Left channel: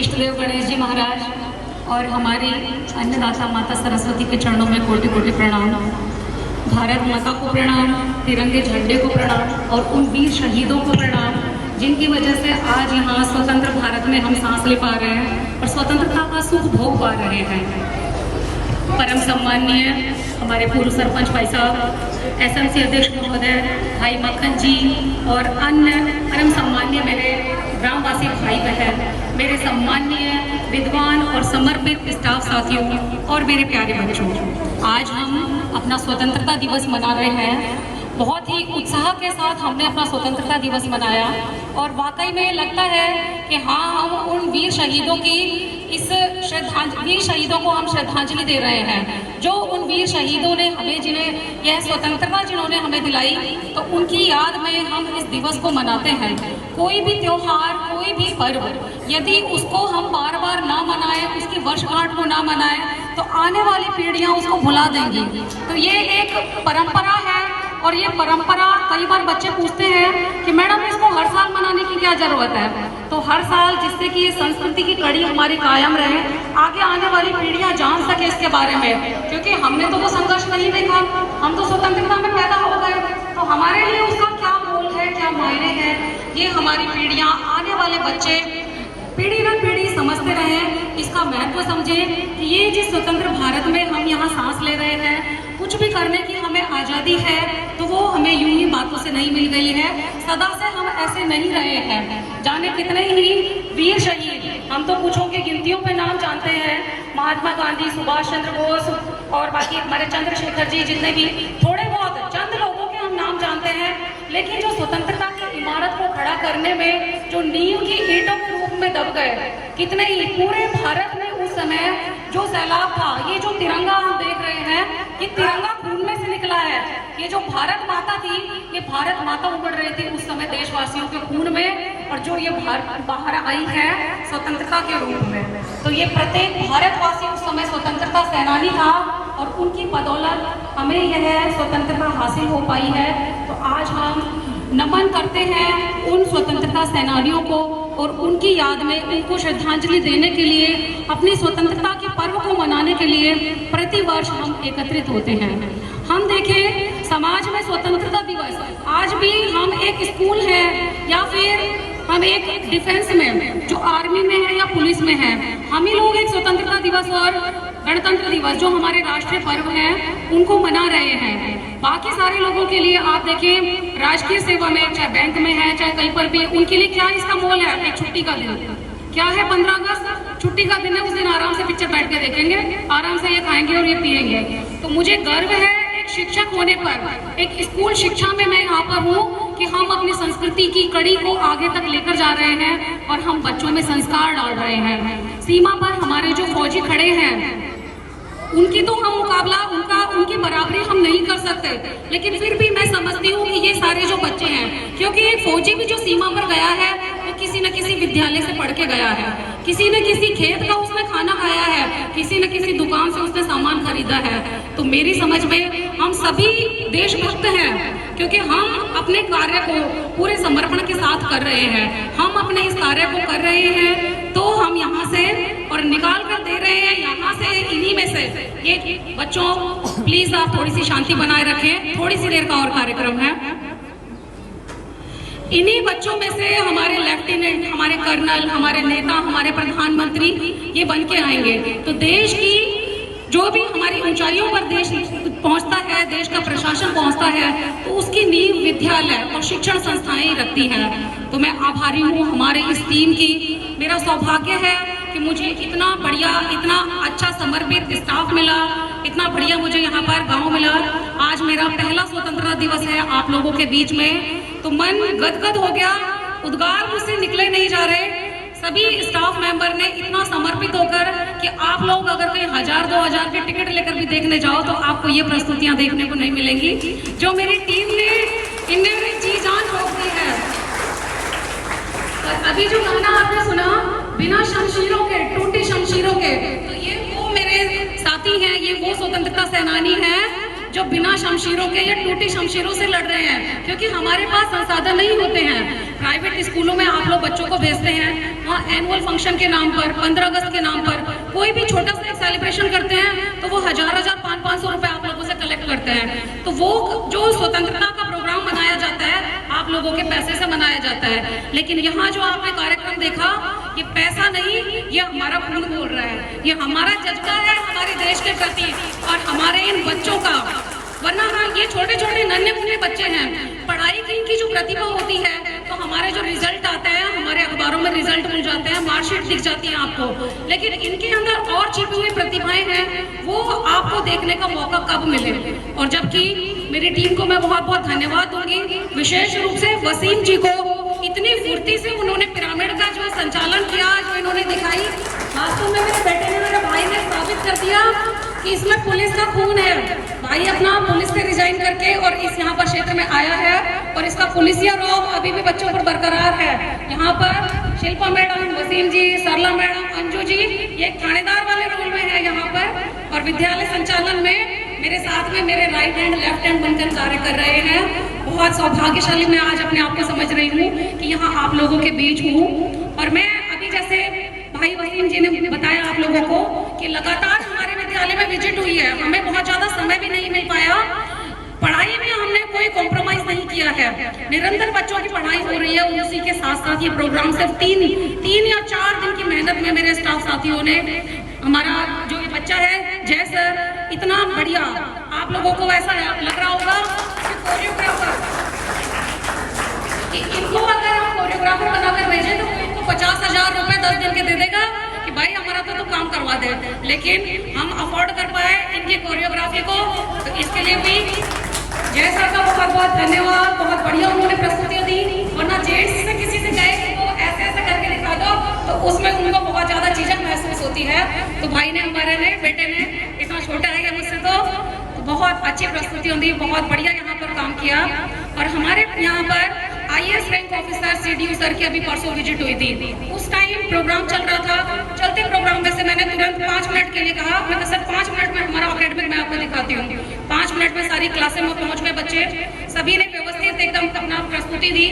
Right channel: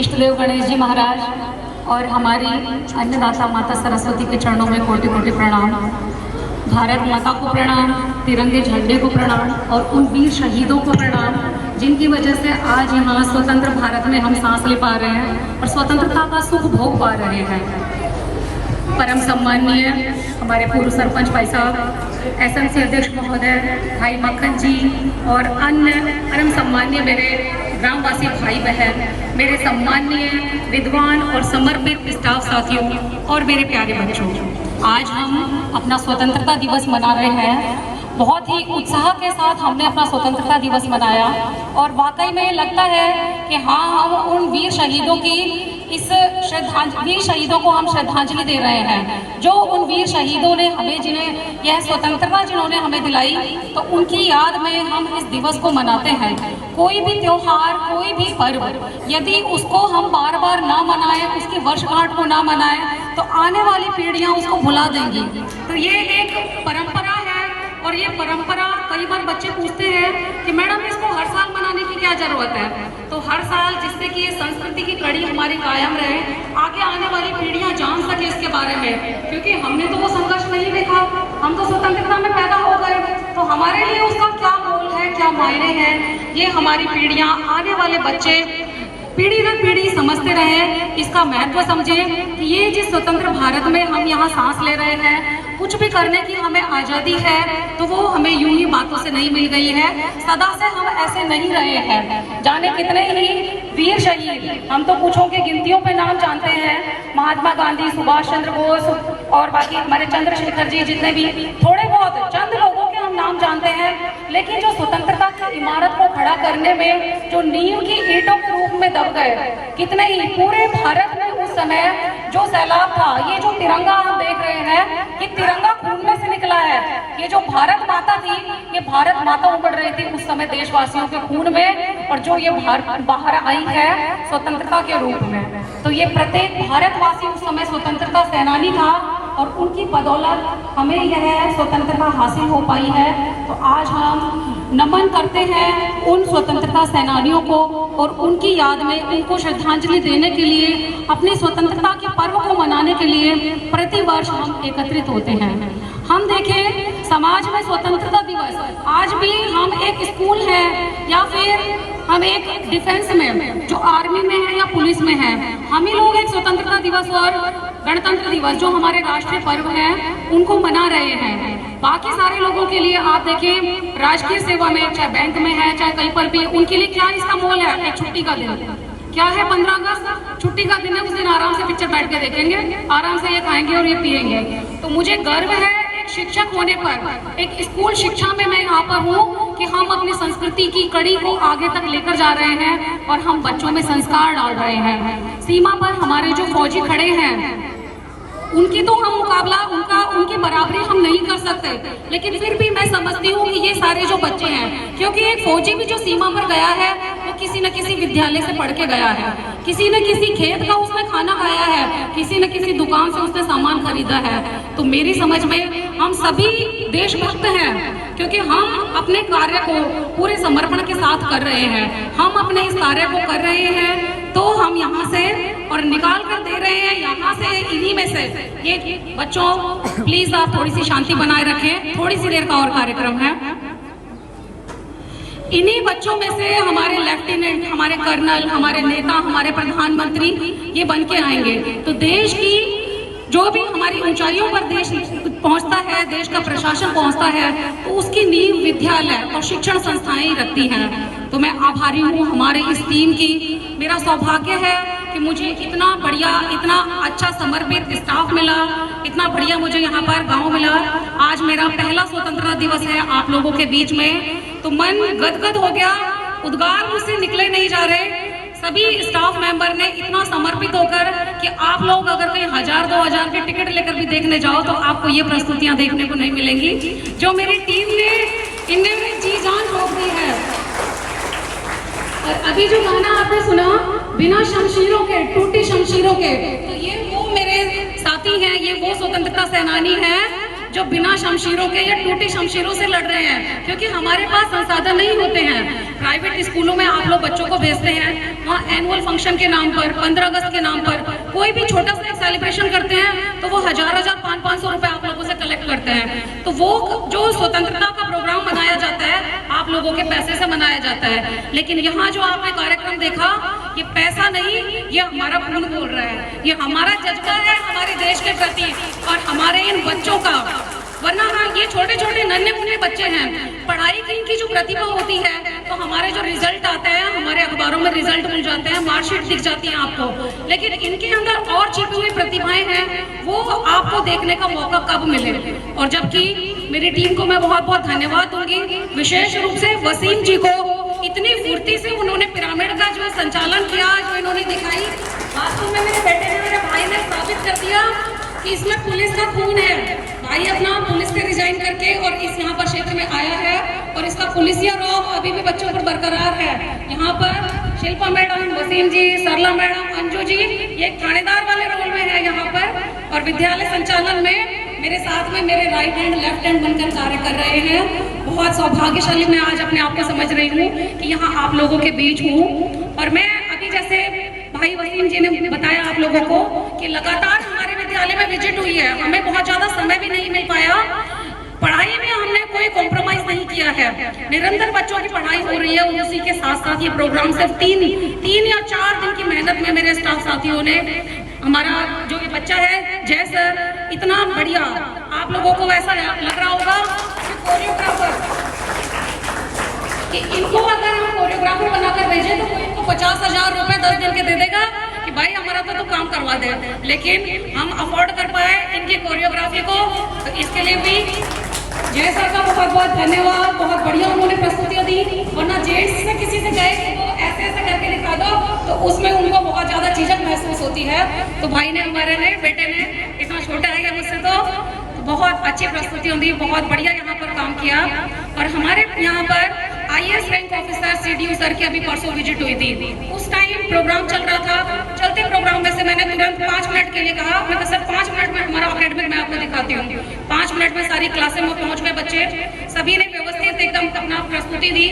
इष्टदेव गणेश जी महाराज और हमारी अन्नदाता माता सरस्वती के चरणों में कोटि कोटि प्रणाम। भारत माता को प्रणाम, तिरंगे झंडे को प्रणाम और उन वीर शहीदों को प्रणाम जिनकी वजह से आज यहाँ स्वतंत्र भारत में हम सांस ले पा रहे हैं और स्वतंत्रता का सुख भोग पा रहे हैं। परम सम्माननीय हमारे पूर्व सरपंच भाई साहब, एसएमसी अध्यक्ष महोदय भाई मक्खन जी और अन्य परम सम्माननीय मेरे ग्रामवासी भाई बहन, मेरे सम्माननीय विद्वान और समर्पित स्टाफ साथियों और मेरे प्यारे बच्चों, आज हम अपना स्वतंत्रता दिवस मना रहे हैं। बहुत ही उत्साह के साथ हमने अपना स्वतंत्रता दिवस मनाया और वाकई में लगता है कि हाँ, हम उन वीर शहीदों की वीर शहीदों को हम श्रद्धांजलि दे रहे हैं, जो उन वीर शहीदों ने हमें, जिन्हें यह स्वतंत्रता जिन्होंने हमें दिलाई, तो उनकी याद में हम इस दिवस को मनाते हैं। कोई भी त्योहार, कोई भी पर्व यदि उसको हम बार बार ना मनाएं, उसकी वर्षगांठ को ना मनाएं, तो आने वाली पीढ़ियां उसको भुला देंगी। तो ये एक परंपरा है और ये परंपरा कई बार बच्चे पूछते हैं कि मैडम इसको हर साल मनाने की क्या जरूरत है। तो हर साल, जिससे कि ये संस्कृति की कड़ी हमारी कायम रहे, आगे आने वाली पीढ़ियां जान सके इसके बारे में, क्योंकि हमने तो वो संघर्ष नहीं देखा, हम तो स्वतंत्रता में पैदा हो गए, तो हमारे लिए उसका क्या मूल है, क्या मायने हैं, ये हमारी पीढ़ियां, आने वाले बच्चे पीढ़ी दर पीढ़ी समझते रहे, इसका महत्व समझे कि ये जिस स्वतंत्र भारत में हम यहाँ सांस ले रहे हैं, कुछ भी करने की हमें आज़ादी है, तो वो हमें यूं ही बातों से नहीं मिल गई है। सदा से हम ऐसे नहीं रहे हैं। जाने कितने ही वीर शहीद, हम तो कुछों की गिनतियों पे नाम जानते हैं, महात्मा गांधी, सुभाष चंद्र बोस और बाकी हमारे चंद्रशेखर जी, जितने भी थोड़े बहुत चंद लोगों के हम नाम जानते हैं, लेकिन जो स्वतंत्रता की इमारत को खड़ा करने में जो नींव की ईंटों के रूप में दब गए, कितने ही पूरे भारत में उस समय जो सैलाब था, ये जो तिरंगा हम देख रहे हैं, ये तिरंगा खून में से निकला है। ये जो भारत माता थी, ये भारत माता उमड़ रही थी उस समय देशवासियों के खून में, और जो ये बाहर आई है स्वतंत्रता के रूप में। तो ये प्रत्येक भारतवासी उस समय स्वतंत्रता सेनानी था और उनकी बदौलत हमें यह स्वतंत्रता हासिल हो पाई है। तो आज हम नमन करते हैं उन स्वतंत्रता सेनानियों को और उनकी याद में उनको श्रद्धांजलि देने के लिए, अपनी स्वतंत्रता के पर्व को मनाने के लिए प्रतिवर्ष हम एकत्रित होते हैं। हम देखें समाज में स्वतंत्रता दिवस, आज भी हम एक स्कूल है या फिर हम एक डिफेंस में, जो आर्मी में है या पुलिस में है, हम ही लोग एक स्वतंत्रता दिवस और गणतंत्र दिवस, जो हमारे राष्ट्रीय पर्व हैं, उनको मना रहे हैं। बाकी सारे लोगों के लिए आप देखें, राजकीय सेवा में, चाहे बैंक में है, चाहे कहीं पर भी, उनके लिए क्या इसका मोल है? एक छुट्टी का दिन क्या है? 15 अगस्त छुट्टी का दिन है, उस दिन आराम से पिक्चर बैठ के देखेंगे, आराम से ये खाएंगे और ये पिएंगे। तो मुझे गर्व है एक शिक्षक होने पर, एक स्कूल शिक्षा में मैं यहाँ पर हूँ कि हम अपनी संस्कृति की कड़ी को आगे तक लेकर जा रहे हैं और हम बच्चों में संस्कार डाल रहे हैं। सीमा पर हमारे जो फौजी खड़े हैं, उनकी तो हम मुकाबला, उनकी बराबरी हम नहीं कर सकते, लेकिन फिर भी मैं समझती हूँ कि ये सारे जो बच्चे हैं, क्योंकि एक फौजी भी जो सीमा पर गया है, वो किसी न किसी विद्यालय से पढ़ के गया है, किसी न किसी खेत का उसने खाना खाया है, किसी न किसी दुकान से उसने सामान खरीदा है। तो मेरी समझ में हम सभी देशभक्त हैं, क्योंकि हम अपने कार्य को पूरे समर्पण के साथ कर रहे हैं। हम अपने इस कार्य को कर रहे हैं, तो हम यहाँ से और निकाल कर दे रहे हैं, यहाँ से, इन्हीं में से। ये बच्चों, प्लीज आप थोड़ी सी शांति बनाए रखें, थोड़ी सी देर का और कार्यक्रम है। इन्हीं बच्चों में से हमारे लेफ्टिनेंट, हमारे कर्नल, हमारे नेता, हमारे प्रधानमंत्री ये बन के आएंगे। तो देश की जो भी हमारी ऊंचाइयों पर देश पहुंचता है, देश का प्रशासन पहुंचता है, तो उसकी नींव विद्यालय और शिक्षण संस्थाएं ही रखती हैं। तो मैं आभारी हूँ हमारे इस टीम की। मेरा सौभाग्य है कि मुझे इतना बढ़िया, इतना अच्छा समर्पित स्टाफ मिला, इतना बढ़िया मुझे यहाँ पर गांव मिला। आज मेरा पहला स्वतंत्रता दिवस है आप लोगों के बीच में, तो मन गदगद हो गया, उद्गार मुझसे निकले नहीं जा रहे। सभी स्टाफ मेंबर ने इतना समर्पित होकर कि आप लोग अगर कहीं 1000-2000 की टिकट लेकर भी देखने जाओ तो आपको ये प्रस्तुतियां देखने को नहीं मिलेंगी, जो मेरी टीम ने, इनने जी जान झोंक दी है। और अभी जो गाना आपने सुना, बिना शमशीरों के, टूटी शमशीरों के, तो ये वो मेरे साथी हैं, ये वो स्वतंत्रता सेनानी हैं जो बिना शमशीरों के या टूटी शमशीरों से लड़ रहे हैं, क्योंकि हमारे पास संसाधन नहीं होते हैं। प्राइवेट स्कूलों में आप लोग बच्चों को भेजते हैं, वहाँ एनुअल फंक्शन के नाम पर, 15 अगस्त के नाम पर कोई भी छोटा सा एक सेलिब्रेशन करते हैं तो वो 1000-1000, 500-500 रुपए आप लोगों से कलेक्ट करते हैं। तो वो जो स्वतंत्रता का प्रोग्राम मनाया जाता है आप लोगों के पैसे से मनाया जाता है। लेकिन यहाँ जो आपने कार्यक्रम देखा, ये पैसा नहीं, ये हमारा खून बोल रहा है, ये हमारा जज्बा है हमारे देश के प्रति और हमारे इन बच्चों का। वरना हाँ, ये छोटे छोटे नन्हे मुन्ने बच्चे हैं, पढ़ाई की इनकी जो प्रतिभा होती है तो हमारे जो रिजल्ट आता है, हमारे अखबारों में रिजल्ट मिल जाते हैं, मार्कशीट दिख जाती है आपको, लेकिन इनके अंदर और छिपी हुई प्रतिभाएं हैं, वो आपको देखने का मौका कब मिले। और जबकि मेरी टीम को मैं बहुत बहुत धन्यवाद दूंगी, विशेष रूप से वसीम जी को, इतनी फुर्ती से उन्होंने पिरामिड का जो संचालन किया, जो इन्होंने दिखाई, वास्तव में मेरे बेटे ने, मेरे भाई ने साबित कर दिया कि इसमें पुलिस का खून है। भाई अपना पुलिस से रिजाइन करके और इस यहाँ पर क्षेत्र में आया है और इसका पुलिसिया रौब अभी भी बच्चों पर बरकरार है। यहाँ पर शिल्पा मैडम, वसीम जी, सरला मैडम, अंजू जी, ये थानेदार वाले रोल में है यहाँ पर, और विद्यालय संचालन में मेरे साथ में मेरे राइट हैंड लेफ्ट हैंड बनकर कार्य कर रहे हैं। बहुत सौभाग्यशाली मैं आज अपने आप को समझ रही हूँ कि यहाँ आप लोगों के बीच हूँ। और मैं अभी जैसे भाई वसीम जी ने बताया आप लोगों को कि लगातार हमारे विद्यालय में विजिट हुई है, हमें बहुत ज्यादा समय भी नहीं मिल पाया। पढ़ाई में हमने कोई कॉम्प्रोमाइज नहीं किया है, निरंतर बच्चों की पढ़ाई हो रही है। उसी के साथ साथ ये प्रोग्राम सिर्फ 3 या 4 दिन की मेहनत में मेरे स्टाफ साथियों ने, हमारा जो ये बच्चा है जय सर, इतना बढ़िया, आप लोगों को ऐसा लग रहा होगा कि कोरियोग्राफर, कि इनको अगर हम कोरियोग्राफर बनाकर भेजें तो इनको 50,000 रुपए 10 दिन के दे देगा कि भाई हमारा तो काम करवा दे, लेकिन हम अफोर्ड कर पाए इनकी कोरियोग्राफी को। तो इसके लिए भी जय सर का बहुत बहुत धन्यवाद, बहुत बढ़िया उन्होंने प्रस्तुतियां दी। वरना जेंट्स से किसी से कहे कि वो ऐसे ऐसे करके दिखा दो तो उसमें उनको बहुत ज्यादा झिझक महसूस होती है। तो भाई ने, हमारे ने, बेटे ने, इतना छोटा है ये मुझसे तो बहुत अच्छी प्रस्तुतियां दी, बहुत बढ़िया यहाँ पर काम किया। और हमारे यहाँ पर IAS rank officer CDO sir की अभी परसों विजिट हुई थी। उस टाइम प्रोग्राम चल रहा था, चलते प्रोग्राम में से मैंने तुरंत 5 मिनट के लिए कहा, मैं सर 5 मिनट में हमारा अकेडमिक मैं आपको दिखाती हूँ। 5 मिनट में सारी क्लासें में पहुंच गए बच्चे, सभी ने व्यवस्थित एकदम अपना प्रस्तुति दी।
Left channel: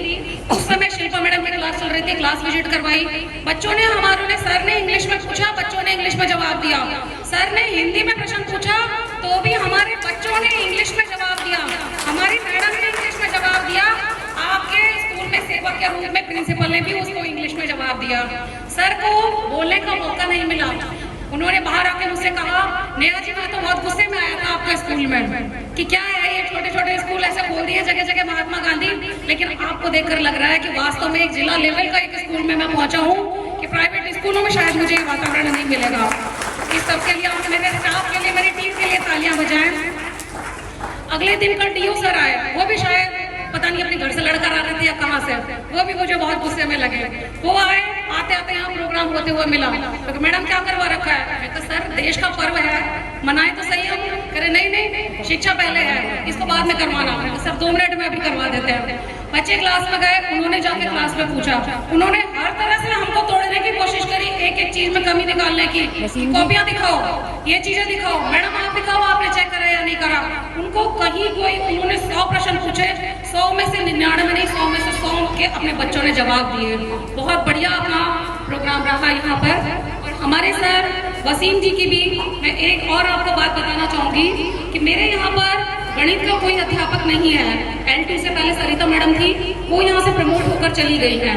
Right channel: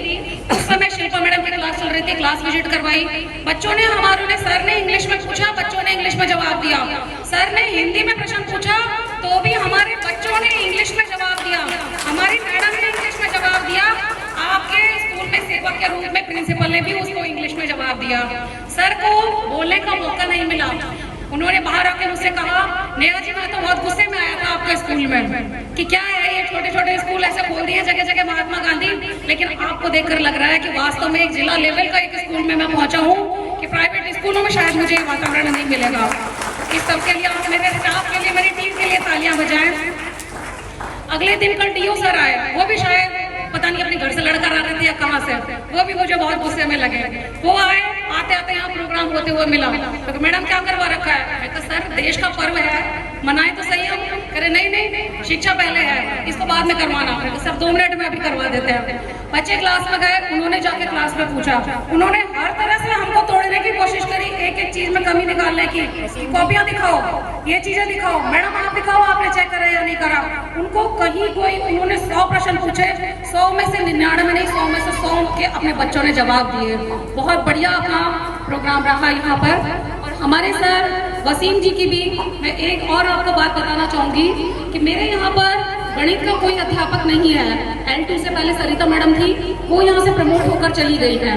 उस समय शिल्पा मैडम की क्लास चल रही थी, क्लास विजिट करवाई। बच्चों ने, हमारों ने, सर ने इंग्लिश में पूछा, बच्चों ने इंग्लिश में जवाब दिया। सर ने हिंदी में प्रश्न पूछा तो भी हमारे बच्चों ने इंग्लिश में जवाब दिया। हमारी मैडम ने इंग्लिश में जवाब दिया। आपके स्कूल में सेवक के रूप में प्रिंसिपल ने भी उसको इंग्लिश में जवाब दिया। सर को बोलने का मौका नहीं मिला। उन्होंने बाहर आके मुझसे कहा, नेहा जी मैं तो बहुत गुस्से में आया था आपके स्कूल में कि क्या है ये छोटे छोटे स्कूल ऐसे बोल दिए जगह जगह महात्मा गांधी, लेकिन आपको देखकर लग रहा है कि वास्तव में एक जिला लेवल का एक स्कूल में मैं पहुंचा हूँ कि प्राइवेट स्कूलों में शायद मुझे वातावरण नहीं मिलेगा। इस सबके लिए आप मेरे स्टाफ के लिए, मेरी टीम के लिए तालियां बजाएं। अगले दिन कल DO सर आए, वो भी शायद पता नहीं अपने घर से लड़कर आ रहे थे या कहाँ से, वो भी मुझे बहुत गुस्से में लगे। वो आए, आते आते यहाँ प्रोग्राम होते हुए मिला, तो मैडम क्या करवा रखा है? मैं कहा सर देश का पर्व है, मनाए तो सही हम। करे नहीं, शिक्षा पहले है, इसको बाद में करवाना। सर 2 मिनट में अभी करवा देते हैं। बच्चे क्लास में गए, उन्होंने जाके क्लास में पूछा, उन्होंने हर तरह से हमको तोड़ने की कोशिश करी, एक एक चीज में कमी निकालने की। कॉपियां दिखाओ, ये चीजें दिखाओ, मैडम आप दिखाओ आपने चेक करा या नहीं करा। उनको कहीं कोई, उन्होंने 100 प्रश्न पूछे, 100 में से 99 नहीं, 100 में से 100 के अपने बच्चों ने जवाब दिए। बहुत बढ़िया अपना प्रोग्राम रहा यहाँ पर। और हमारे सर वसीम जी की भी मैं एक और आपको बात बताना चाहूंगी कि मेरे यहाँ पर गणित का कोई अध्यापक नहीं है। L2 से पहले सरिता मैडम थी, वो यहाँ से प्रमोट होकर चली गई है।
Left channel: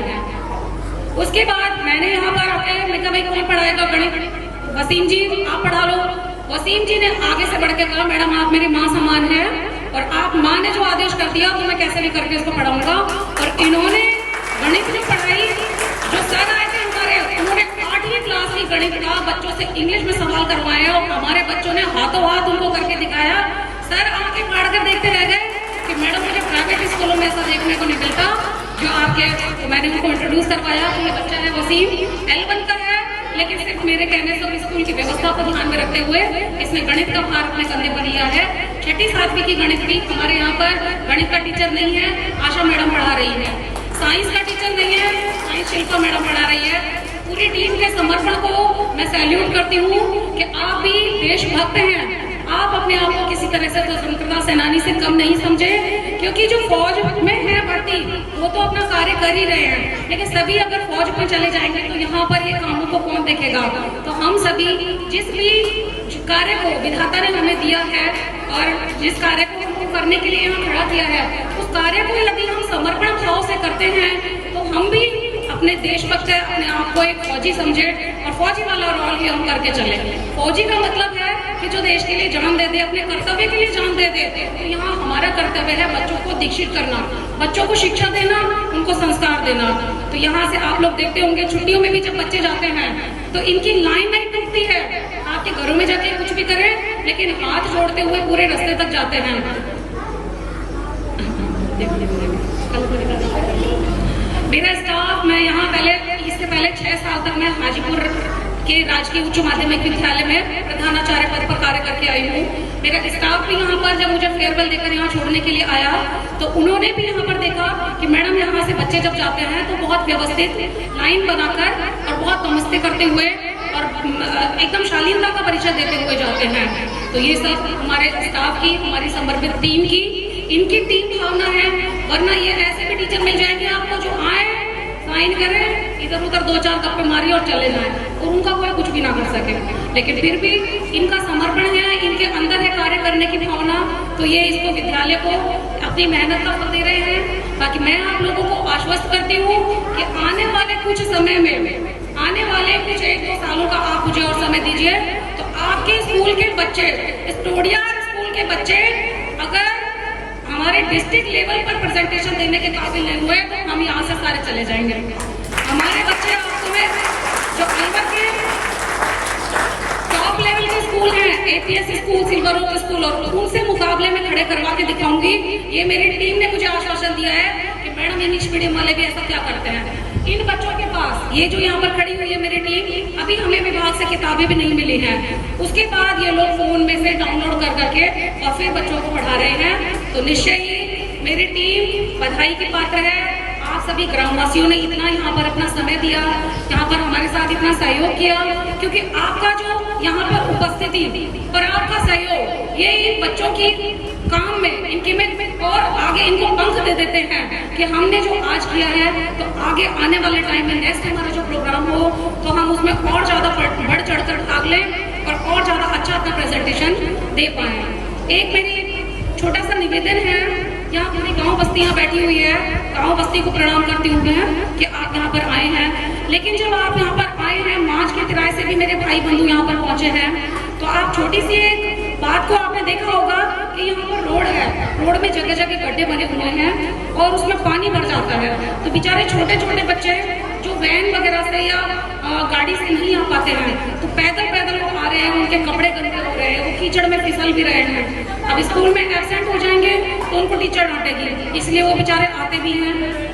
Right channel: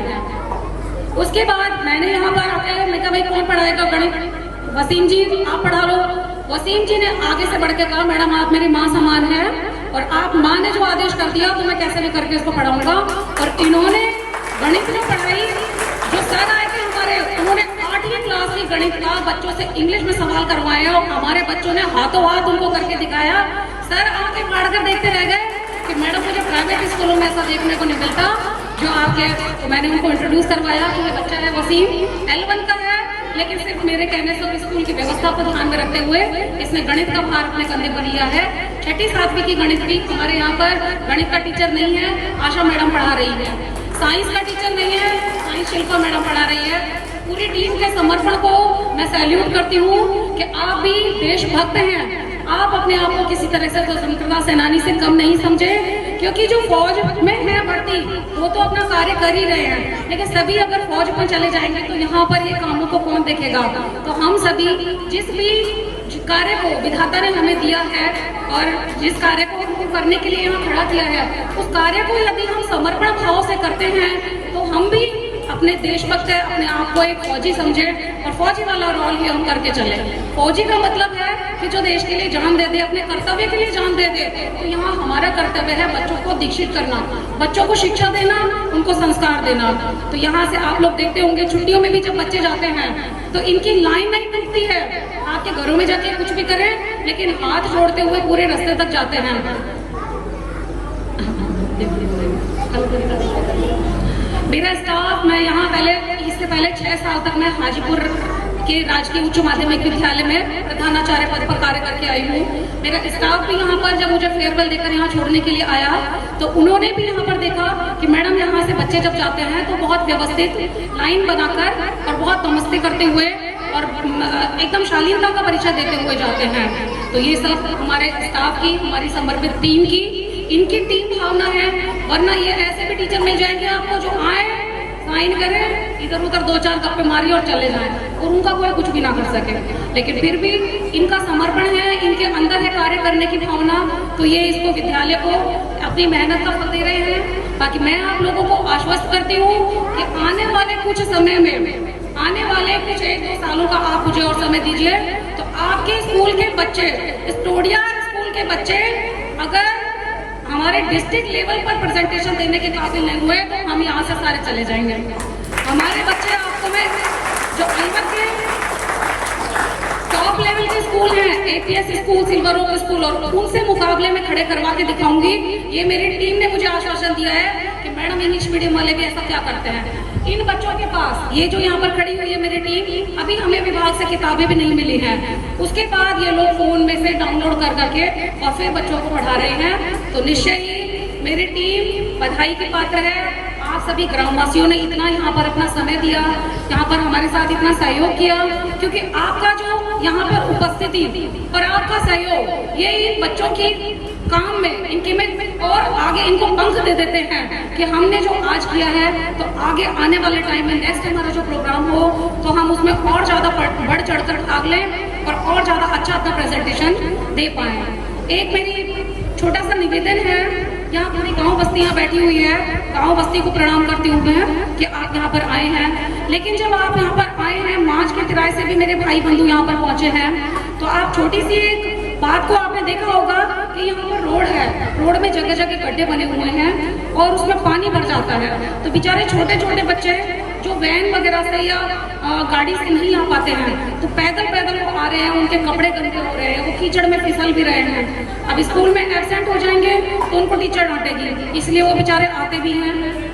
उसके बाद मैंने यहाँ पर आके मैं कहा भाई कौन पढ़ाएगा गणित? वसीम जी आप पढ़ा लो। वसीम जी ने आगे से बढ़ के कहा मैडम आप मेरी माँ समान है और आप माँ ने जो आदेश कर दिया तो मैं कैसे भी करके उसको पढ़ाऊंगा। और इन्होंने गणित जो पढ़ाई, जो सर आए थे हमारे, उन्होंने 8वीं क्लास की गणित का बच्चों से इंग्लिश में सवाल करवाए और हमारे बच्चों ने हाथों हाथ उनको करके दिखाया। सर आके फाड़ कर देखते रह गए कि मैडम मुझे प्राइवेट स्कूलों में ऐसा देखने को नहीं मिलता जो आपके। तो मैंने उनको इंट्रोड्यूस करवाया कि ये बच्चा है वसीम, L1 का है, लेकिन सिर्फ मेरे कहने से स्कूल की व्यवस्था को ध्यान में रखते हुए इसने गणित का भार अपने कंधे पर लिया है। 6ठी 7वीं की गणित भी हमारे यहाँ पर गणित का टीचर नहीं है, आशा मैडम पढ़ा रही है। साइंस का टीचर नहीं है, साइंस शिल्पा मैडम पढ़ा रही है। पूरी टीम के समर्पण को मैं सैल्यूट करती हूँ कि आप भी देशभक्त हैं। आप अपने आप को किसी तरह से स्वतंत्रता सेनानी से कम नहीं समझे, क्योंकि जो फौज में है भर्ती वो तो अपना कार्य कर ही रहे हैं, लेकिन सभी अगर फौज में चले जाएंगे तो यहाँ पर ये कामों को कौन देखेगा। तो हम सभी जिस भी कार्य को विधाता ने हमें दिया है और जिस कार्य को हमको करने के लिए यहाँ खड़ा किया है, उस कार्य को यदि हम समर्पण भाव से करते हैं तो हम भी अपने देशभक्त है, अपने आप को एक फौजी समझे और फौजी वाला रोल ही हम करके चले। फौजी का मतलब है कि जो देश के लिए जान दे दे, अपने कर्तव्य के लिए जान दे दे। तो यहाँ हमारा कर्तव्य है बच्चों को दीक्षित करना, बच्चों को शिक्षा देना, उनको संस्कार देना। तो यहाँ से आप लोग देखते होंगे छुट्टियों में भी जब बच्चे जाते हैं तो इनकी लाइन नहीं टूटती है। आपके घरों में जाके कुछ भी करें, लेकिन हाथ जोड़ते हुए पूरे रास्ते तक जाते हैं। मेरा स्टाफ, मैं यहाँ इससे पहले 6 साल तक मैं हाजीपुर के राजकीय उच्च माध्यमिक विद्यालय में प्रधानाचार्य पद पर कार्य करके आई हूँ। मेरा स्टाफ भी यहाँ पर जब मुझे फेयरवेल देकर यहाँ छोड़ने के लिए आया तो उन्होंने भी यहाँ पर देखा कि मैडम यहाँ से बच्चे जब जाते हैं तो बहुत व्यवस्थित लाइन बनाकर और बहुत नमस्ते करते हुए और एकदम शालीनता का परिचय देते हुए जाते हैं। तो ये सब हमारे स्टाफ की, हमारी समर्पित टीम की, इनकी टीम भावना है। वरना ये ऐसे भी टीचर मिल जाएंगे आपको जो आए, साइन करें, इधर उधर 2-4 गप्पे मारिए और चले जाएं और उनका कोई कुछ भी ना कर सके। लेकिन फिर भी इनका समर्पण है, इनके अंदर है कार्य करने की भावना, तो ये इसको विद्यालय को अपनी मेहनत का फल दे रहे हैं। बाकी मैं आप लोगों को आश्वस्त करती हूँ कि आने वाले कुछ समय में, आने वाले कुछ 1-2 सालों का आप मुझे और समय दीजिए तो आपके स्कूल के बच्चे, स्टूडिया स्कूल के बच्चे अगर हमारे डिस्ट्रिक्ट लेवल पर प्रेजेंटेशन देने के काबिल नहीं हुए तो हम यहाँ से सारे चले जाएंगे। हमारे बच्चे आपको मैं जो अलवर के टॉप लेवल के स्कूल हैं, APS school, Silver Oak school, और उनसे मुकाबले में खड़े करवा के दिखाऊंगी। ये मेरी टीम ने मुझे आश्वासन दिया है कि मैडम इंग्लिश मीडियम वाले भी ऐसा क्या करते हैं। इन बच्चों के पास ये जो यहाँ पर खड़ी हुई है मेरी टीम, अभी हमें विभाग से किताबें भी नहीं मिली हैं। उसके बाद ये लोग फोन में से डाउनलोड कर करके और फिर बच्चों को पढ़ा रहे हैं। तो निश्चय ही मेरी टीम बधाई की पात्र है। आप सभी ग्रामवासियों ने इतना यहाँ पर अपना समय दिया, यहाँ पर हमारे साथ इतना सहयोग किया, क्योंकि आपका जो यहाँ पर उपस्थिति और आपका सहयोग ये इन बच्चों की काम में, इनके में और आगे इनको अंक दे देते हैं कि हमने जो आज किया है तो आगे आने वाले टाइम में नेक्स्ट हमारा जो प्रोग्राम हो तो हम उसमें और ज्यादा बढ़ चढ़कर भाग लें और ज्यादा अच्छा अपना प्रेजेंटेशन दे पाए। एक मेरी छोटा सा निवेदन है, यहाँ पूरी गांव बस्तियां बैठी हुई है, गांव बस्ती को प्रणाम करती हूँ मैं कि आप यहाँ पर आए हैं। लेकिन जब आप यहाँ पर आए हैं, मांझ के किराए से भी मेरे भाई बंधु यहाँ पर पहुंचे हैं, तो आप छोटी सी एक बात को आपने देखा होगा कि यहाँ पर रोड है, रोड में जगह जगह गड्ढे बने हुए हैं और उसमें पानी भर जाता है। तो बेचारे छोटे छोटे बच्चे जो वैन वगैरह से या गाड़ी से नहीं आ पाते हैं, तो पैदल वो आ रहे हैं, उनके कपड़े गंदे हो रहे हैं, वो कीचड़ में फिसल भी रहे हैं। अब स्कूल में एब्सेंट हो जाएंगे तो उनको टीचर डांटेगी, इसलिए वो बेचारे आते भी हैं।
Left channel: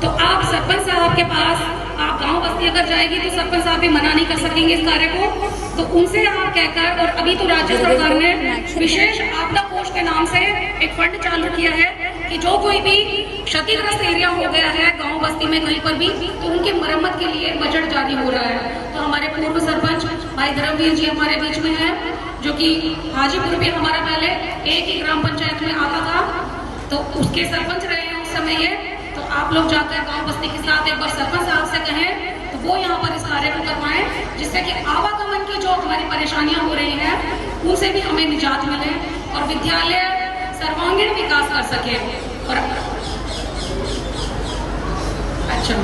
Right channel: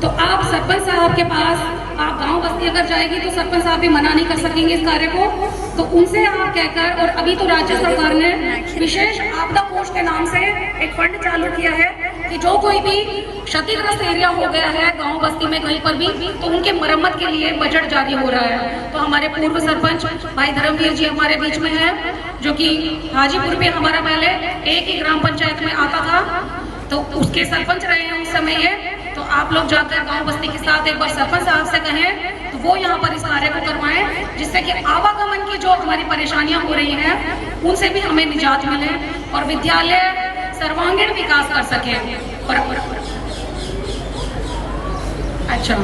तो आप सरपंच साहब के पास, आप गांव बस्ती अगर जाएगी तो सरपंच साहब भी मना नहीं कर सकेंगे इस कार्य को, तो उनसे आप कहकर, और अभी तो राज्य सरकार ने विशेष आपदा कोष के नाम से एक फंड चालू किया है कि जो कोई भी क्षतिग्रस्त एरिया हो गया है गांव बस्ती में कहीं पर भी, तो उनके मरम्मत के लिए बजट जारी हो रहा है। तो हमारे पूर्व सरपंच भाई धर्मवीर जी हमारे बीच में है, जो कि हाजीपुर में हमारा पहले एक ही ग्राम पंचायत में आता था, तो उसके सरपंच रहे हैं उस समय ये। तो आप लोग जाकर गांव बस्ती के साथ एक बार सरपंच साहब से कहें तो वो यहाँ पर इस कार्य को करवाएं, जिससे कि आवागमन की जो हमारी परेशानियां हो रही हैं उनसे भी हमें निजात मिले और विद्यालय सर्वांगीण विकास कर सके। अच्छा,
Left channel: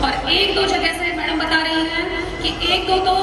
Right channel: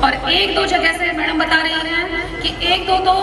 और 1-2 जगह से मैडम बता रही हैं कि 1-2 तो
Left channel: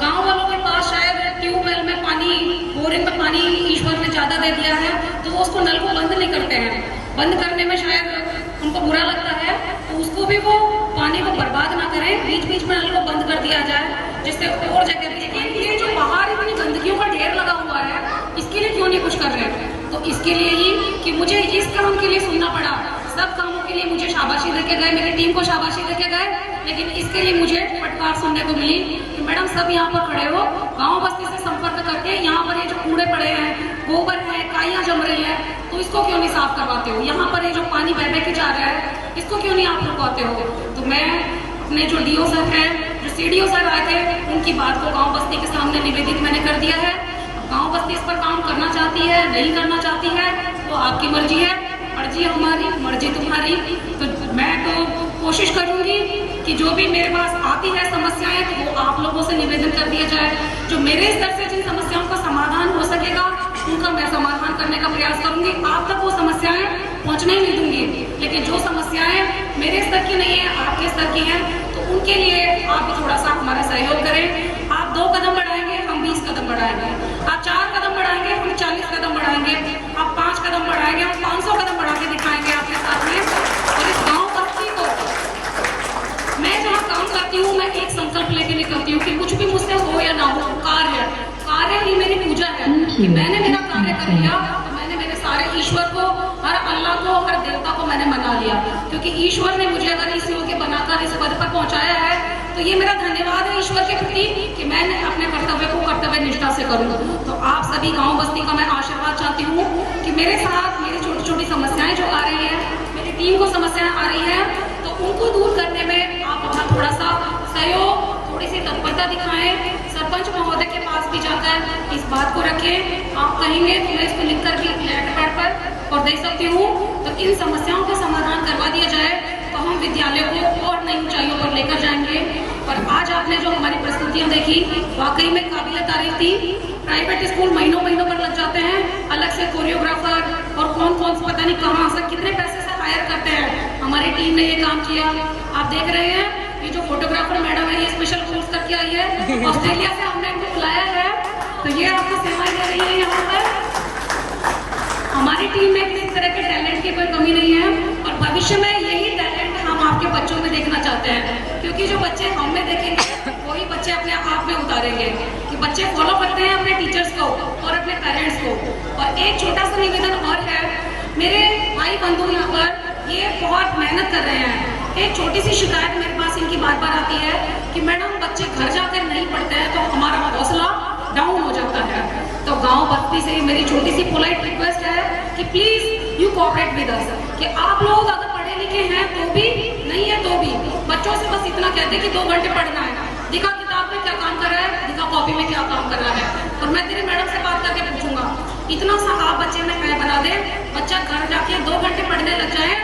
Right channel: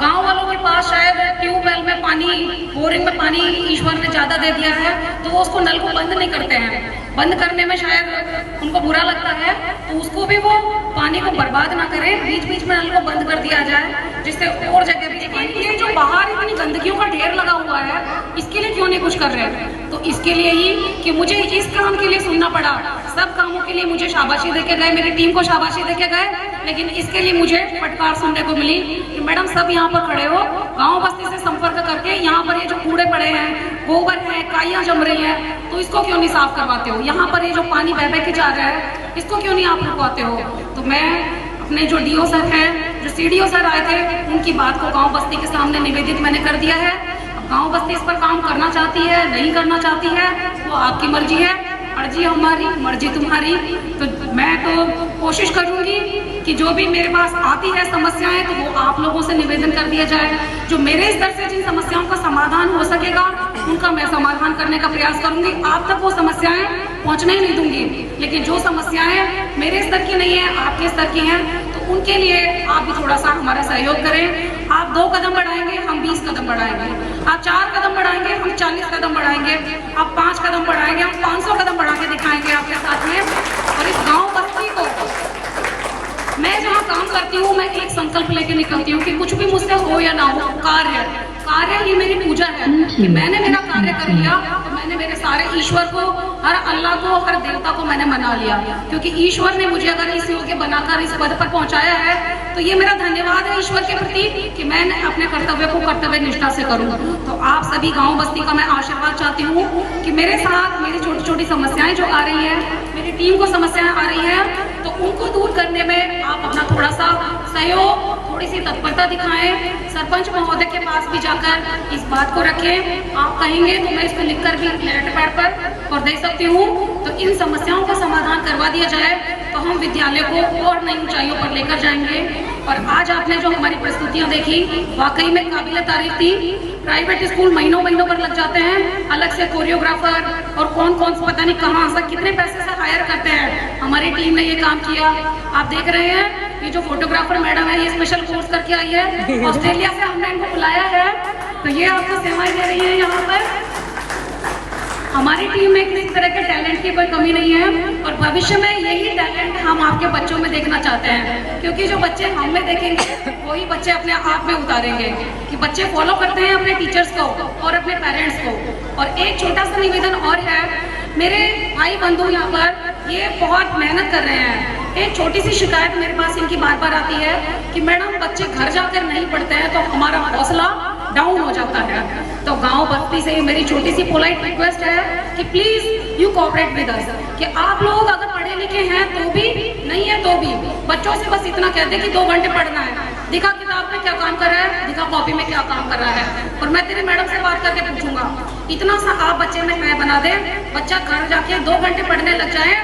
गांव वालों के पास शायद ट्यूबवेल में पानी, बोरिंग में पानी ईश्वर ने ज्यादा दे दिया है, तो वो उसको नल को बंद नहीं करते हैं। बंद करने में शायद उनको बुरा लगता है, तो उसको भी वो पानी को बर्बाद ना करें, बीच बीच में नल को बंद कर दिया जाए, जिससे और जगह भी पानी। ये जो बाहर इतनी गंदगियों का ढेर लगा हुआ है, इसके लिए क्यों नहीं कुछ कर रहे? तो इसके लिए ही कि मुझे इस काम के लिए सुनना पड़ा। सब कामों के लिए मुझे शाबाशी देके गए, मेरी टीम को शाबाशी देके गए, लेकिन इसके लिए मुझे फटकार सुनने को मिली कि मैडम सब यहाँ पर खड़े हो, गांव बस्ती से संपर्क करके यहाँ पर ये जो कूड़े पड़े हैं, गोबर है, काइयाँ जम रही हैं, तो इसको क्यों नहीं साफ करवाते हो? यहाँ पर ये जो पानी बह बह के जा रहा है, इसको क्यों नहीं आप रुकवाते हो? तो मैं अपने जो DO सर हैं, जो CDO सर आए थे, उनकी बात को गाँव बस्ती के सामने निवेदित मैंने कर दिया है। गांव बस्ती इस पर काम करना चाहती है, नहीं करना चाहती है, वो आपकी मर्जी है, अर्जी हमारी, मर्जी तुम्हारी। तो मैं तो कोशिश करूंगी कि जो भी मेरे पास आती है समस्याएं, तो वो आप लोगों से निवेदन कर दिया जाए। जो मेरे स्तर से जिन समस्याओं का समाधान हो सकेगा उनका मैं समाधान करने का प्रयास करूंगी। आप तक वो समस्याएं पहुंचने ही नहीं दूंगी। लेकिन जो समस्याएं मेरे स्तर की नहीं है, आपके स्तर की हैं, तो उनके लिए आप भी थोड़ा सा हमारा सहयोग करें। आप 2 कदम बढ़ाएंगे, हम 20 कदम बढ़ाएंगे। आप 4 कदम बढ़ाएंगे, हम 40 कदम बढ़ाएंगे। आप 5 कदम बढ़ाएंगे, हम 500 कदम बढ़ा के दिखाएंगे आपके साथ में। और इस गाँव बस्ती को मैं जहाँ काम करती हूँ, मैं एक संकल्प लेके निकलती हूँ कि कुछ भी मुझसे हो या ना हो, कार्य ही मेरी पूजा है कि मैंने मेरा कार्य कर लिया, तो मैंने मेरे सारे ईश्वर को, हर अल्लाह को, हर देवता को मैंने मना लिया। क्योंकि ईश्वर ने मुझे अगर इस योग्य बनाकर इस पद पर पहुंचाया है, तो ये मेरा धन्यवाद है ईश्वर के प्रति कि मैंने अपने कर्तव्य को कर्तव्य निष्ठा से करूँ। तो आप सभी गाँव बस्ती का मैं आशीर्वाद चाहती हूँ कि मेरे साथ मेरी छोटी छोटी समस्याएं जो आ रही है, मेरी टीम को समस्याएं आ रही है, तो उनको दूर करने में आप अपना थोड़ा सा सहयोग, थोड़ी सी तत्परता दिखाएं। सरपंच महोदय के पास भी जाकर इस बात को रखें। आप कहेंगे तो मैं इसको लिखकर भी लेटर पैड पर और दे सकती हूँ। तो इन समस्याओं का समाधान करवा दिया जाए, तो हम विद्यालय को और नई ऊंचाइयों पर लेकर जाएंगे। और आज आपने जो हमारी प्रस्तुतियाँ देखी, वाकई में काबिल तारीफ थी। प्राइवेट स्कूल महीनों महीनों पर लग जाते हैं, अलग से कोरियोग्राफर और कौन कौन से पता नहीं कहाँ से कितने पैसे से हायर करते हैं। हमारी टीम ने ये काम किया। आप देख रहे हैं, ये जो फोटोग्राफर मैडम है, ये स्पेशल कोर्स करके आई है, ऑस्ट्रेलिया से हमने इनको बुलाया है, तो ये आपको सेवाएं दे रही है यहाँ पर। हमारी टीम में किसी तरह के टैलेंट की कोई कमी नहीं है, और भविष्य में यही टैलेंट हम आपके बच्चों में देखना चाहते हैं। क्योंकि जो बच्चे हम में देखेंगे, वही बच्चे अपने आप में उतारेंगे। कि बच्चे फॉलो करते हैं अपने टीचर्स को और अपने पेरेंट्स को। और एक छोटा सा निवेदन और है, मेरे भाई बंधु यहाँ पर ये बहुत मेहनत कर रहे हैं। एक छोटी सी शिकायत मेरे पास इनकी बार बार आती है कि मैडम बच्चे घर जाकर नहीं पढ़ते हैं, तो हमारा हौसला डाउन हो जाता है। तो गांव बस्ती से मेरी छोटी सी पोलाइट रिक्वेस्ट है कि please you cooperate with us, कि आप लोग अगर पढ़े लिखे हैं तो भी, नहीं है तो भी, बच्चों से बस इतना कहते कि 2 घंटे पढ़ना है, दिखा किताब में क्या काम कर रहा है, दिखा कॉपी में क्या काम कर रहा है, और मैं तेरी मैडम से बात करके पूछूंगा। इतना सा आप बच्चे में मैं बना दे, बच्चा घर जाके 2 घंटे पढ़ने लग जाए,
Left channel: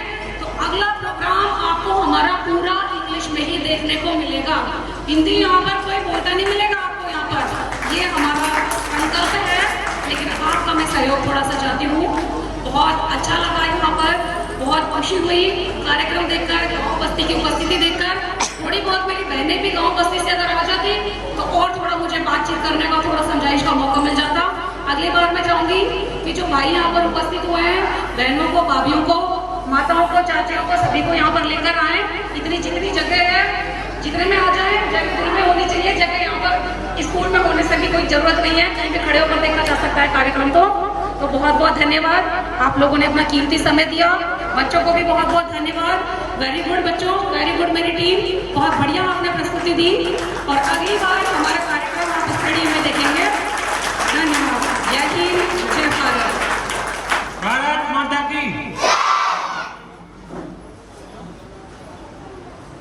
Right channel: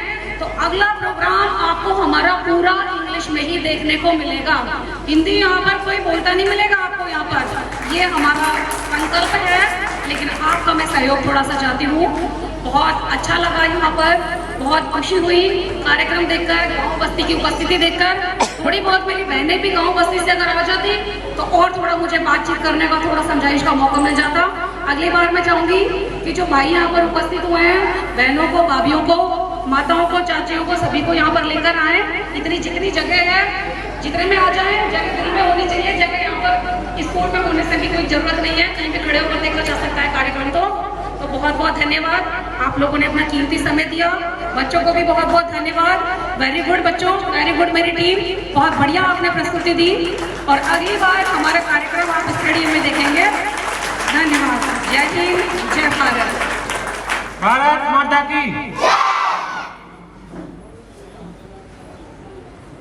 तो अगला प्रोग्राम आपको हमारा पूरा इंग्लिश में ही देखने को मिलेगा। हिंदी यहाँ पर कोई बोलता नहीं मिलेगा आपको यहाँ पर। ये हमारा संकल्प है, लेकिन आपका मैं सहयोग थोड़ा सा चाहती हूँ। बहुत अच्छा लगा यहाँ पर, बहुत खुशी हुई कार्यक्रम देखकर, गांव बस्ती की उपस्थिति देखकर। थोड़ी बहुत मेरी बहनें भी गांव बस्ती से अगर आ जाती तो और थोड़ा मुझे बातचीत करने का, थोड़ा समझाइश का मौका मिल जाता। अगली बार मैं चाहूंगी कि जो भाई यहाँ पर उपस्थित हुए हैं, बहनों को, भाभियों को, माताओं को, चाचियों को, सभी को यहाँ पर लेकर आए। इतनी जितनी जगह है, जितने में आ जाए, जगह में होनी चाहिए जगह। यहाँ पर स्कूल में होने से भी कोई जरूरत नहीं है, कहीं भी खड़े होकर देखा जा सकता है कार्यक्रम को। तो बहुत बहुत धन्यवाद, आप लोगों ने अपना कीमती समय दिया। बच्चों को भी बहुत बहुत धन्यवाद। वेरी गुड बच्चों, वेरी गुड मेरी टीम, बहुत बढ़िया आपने प्रस्तुति दी। और अगली बार हमारे कार्यक्रम आप स्टेडियम में देखेंगे। धन्यवाद। जय हिंद, जय भारत। भारत माता की।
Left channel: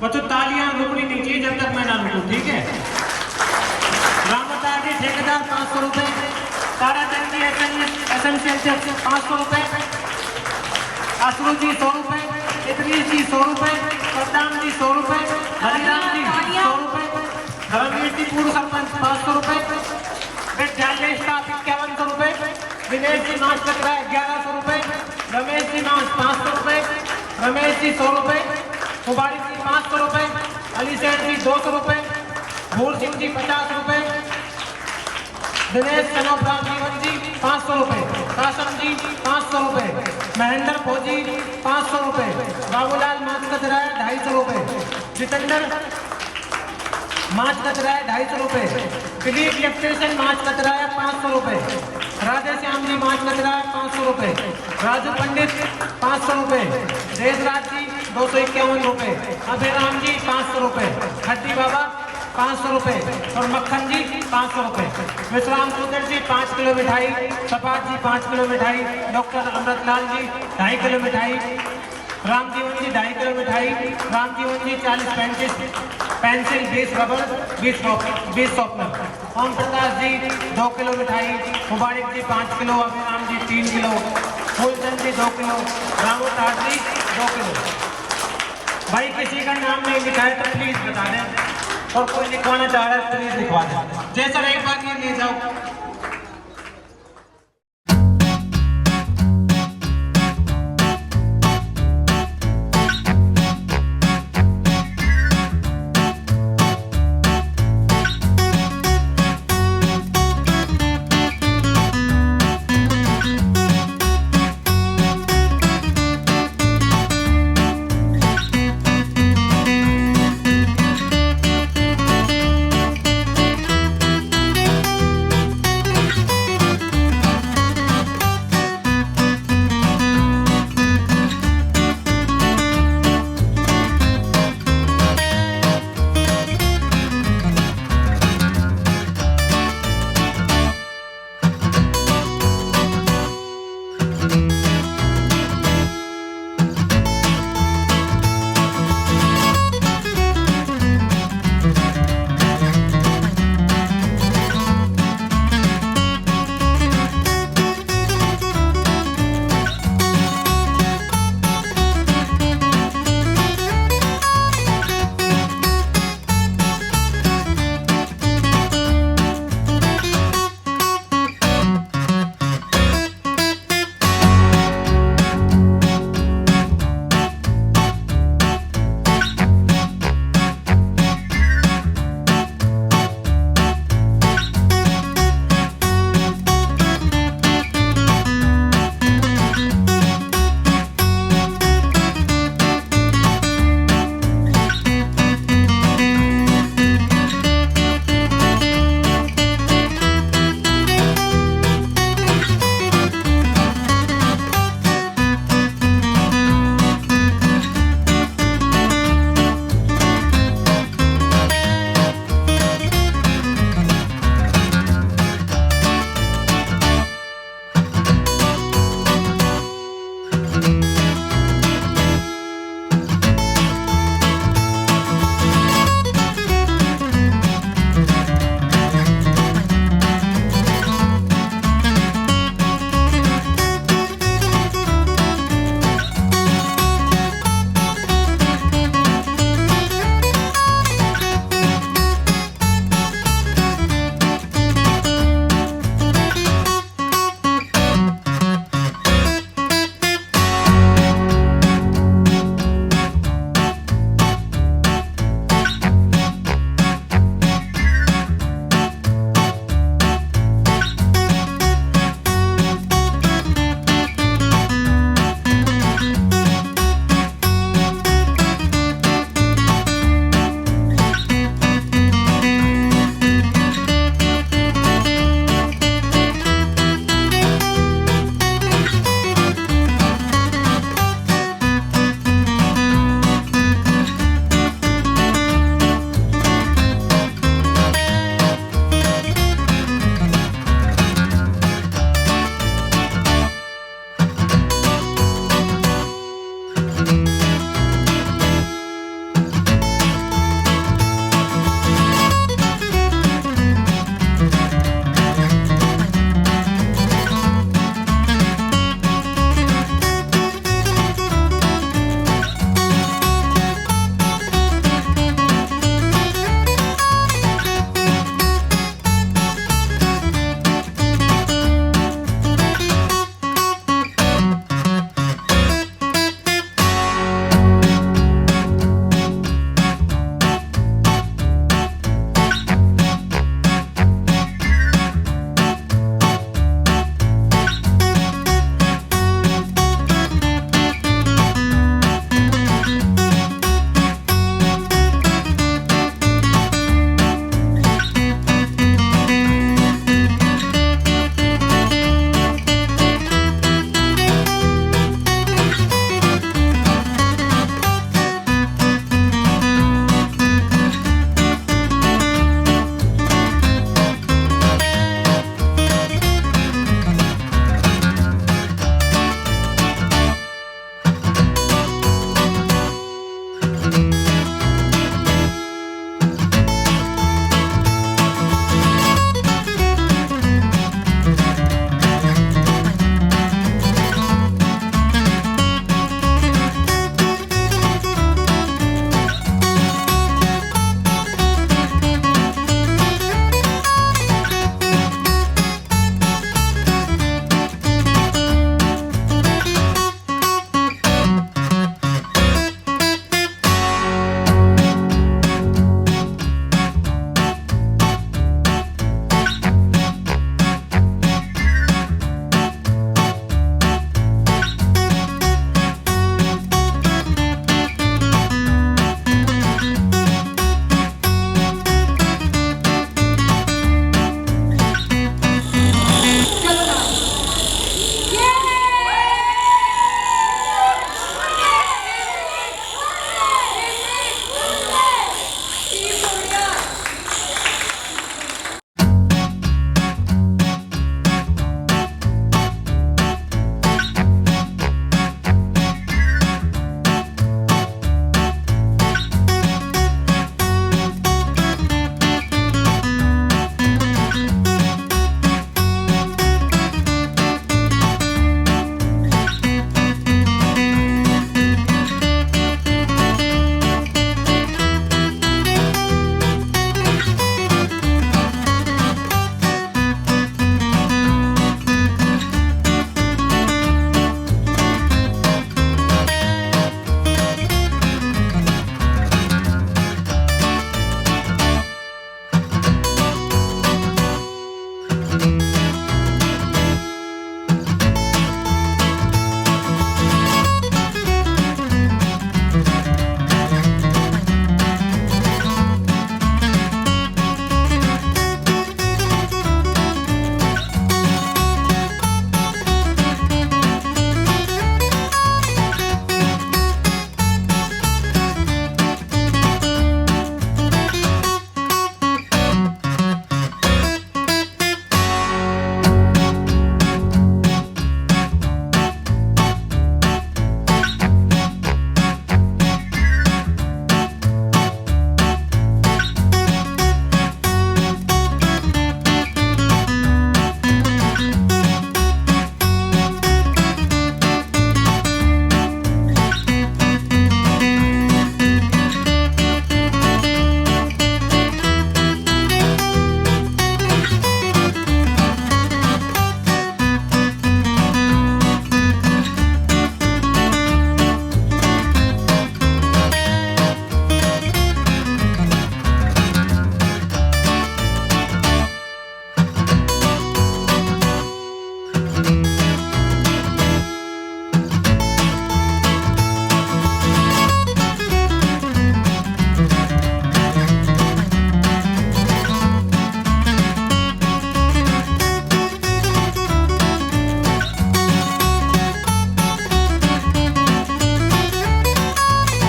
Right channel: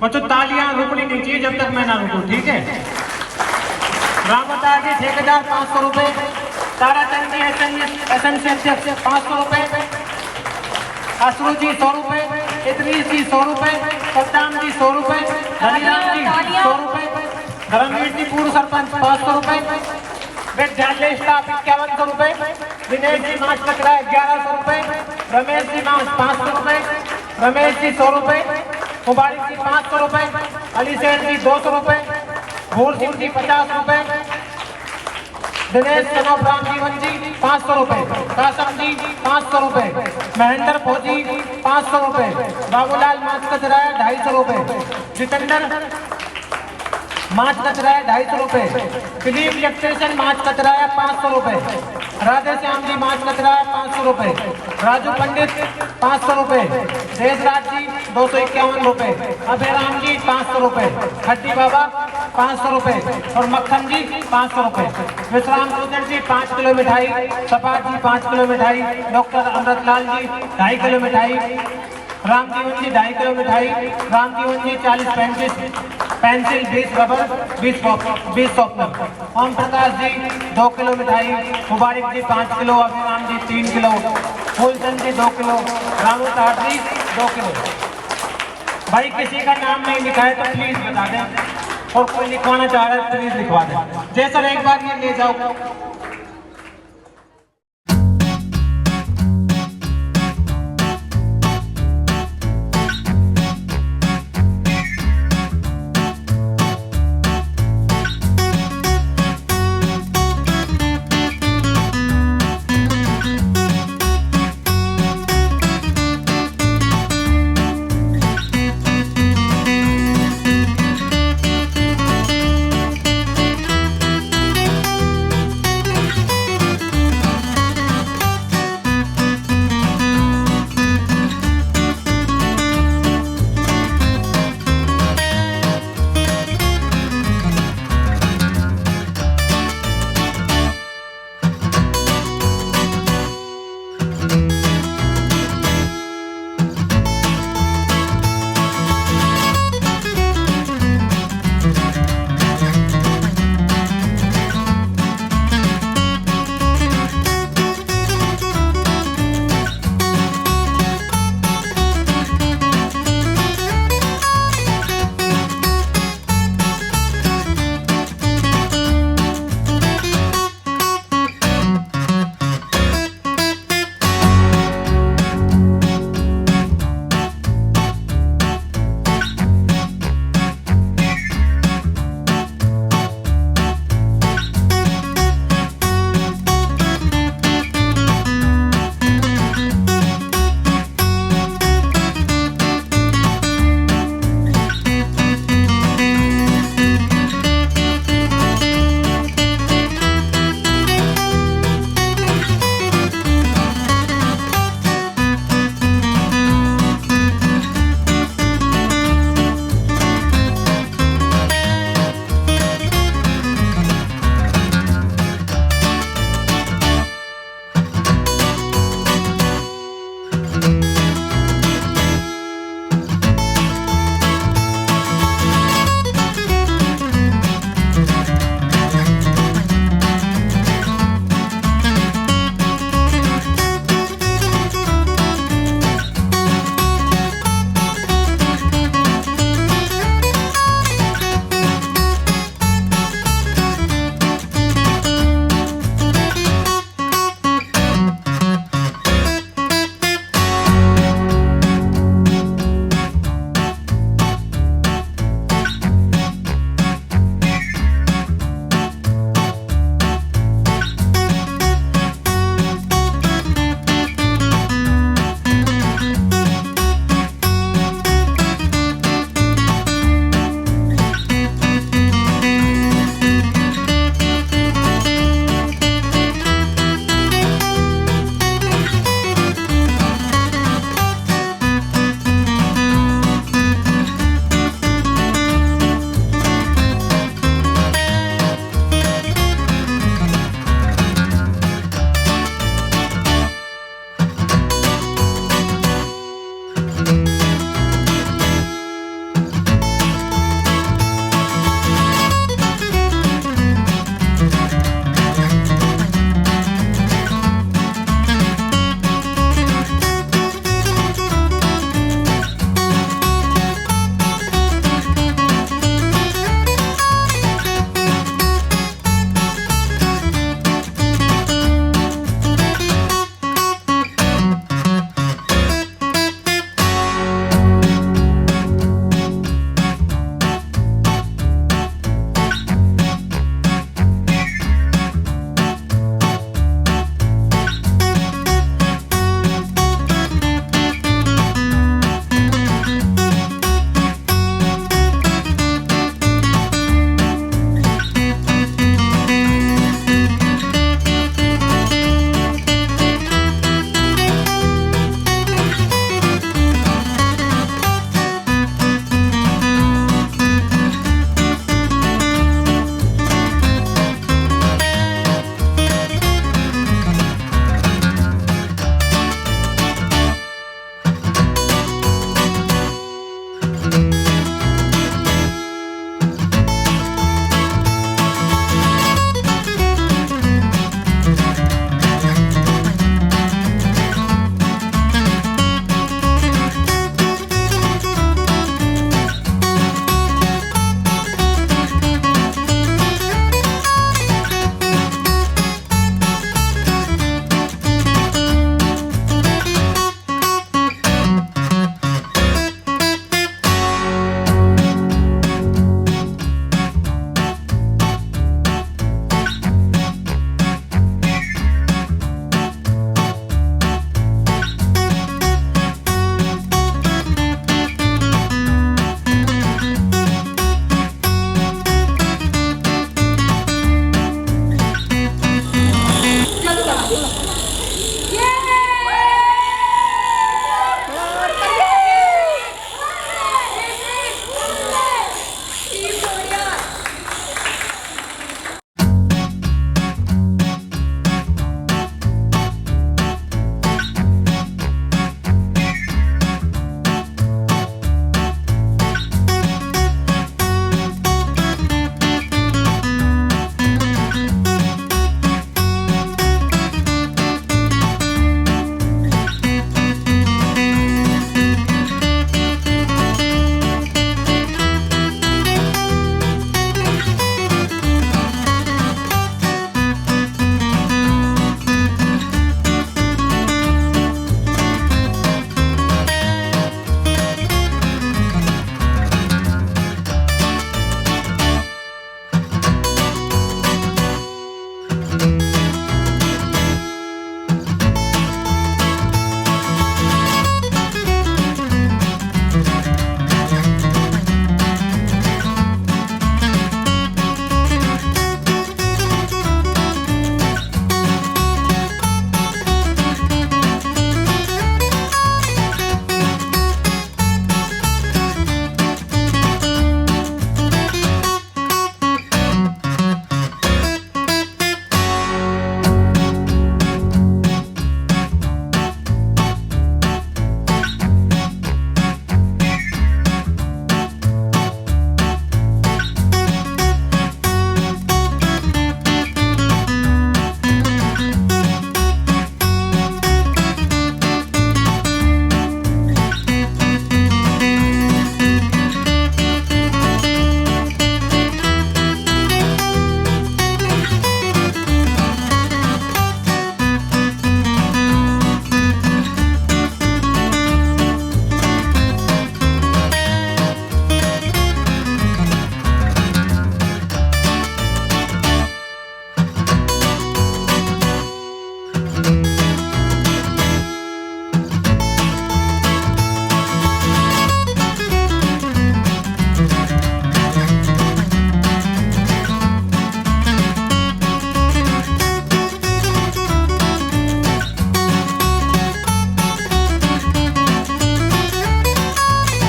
तो तालियां रुकनी नहीं चाहिए जब तक मैं ना रुकूं, ठीक है। राम अवतार जी ठेकेदार 500 रुपए, ताराचंद जी एसेंशियल से 500 रुपए, अशरू जी 100 रुपए, इतनी जी 100 रुपए, कप्तान जी 100 रुपए, हरिलाल जी 100 रुपए, धर्मवीर जी पूर्व सरपंच 500 रुपए, विद्यालय स्टाफ 5100 रुपए, दिनेश जी मांस कचरा 1100 रुपए, रमेश जी मांस 500 रुपए, रमेश जी 100 रुपए, कुबाड़ी जी 500 रुपए, अली सेठ जी 200 रुपए, भूर सिंह जी 50 रुपए, दिनेश चनोब्राम जीवन जी 500 रुपए, कासम जी 500 रुपए, महेंद्र फौजी 500 रुपए, बाबूलाल मांस कचरा 250 रुपए, जितेंद्र मांस कचरा 250 रुपए, दिलीप इलेक्ट्रिशियन मांस कचरा 500 रुपए, राधे श्याम जी मांस कचरा 500 रुपए, राजू पंडित 500 रुपए, देशराज जी 251 रुपए, अभय राम जी 500 रुपए, हट्टी बाबा 500 रुपए और मक्खन जी 500 रुपए, विश्राम गुजर जी 5 किलो मिठाई, सपाट जी 5 किलो मिठाई, डॉक्टर अमृतलाल जी 2.5 किलो मिठाई, रामजीवन जी 2.5 किलो मिठाई, रामजीवन जी 40-35 pencil 20 rubber 20 sharpener, Om Prakash ji 2 kilo मिठाई, मुबारक जी 5 किलो, अभिराम जी 3 किलो, फूलचंद जी 2 किलो, रामोतार जी 2 किलो। भाई किसी का नाम नहीं लिखा है तो प्लीज बता दें, और कोई लिखवाना चाह रहा है प्लीज लिखवा दें। जैसा एक बार ये ले जाओ।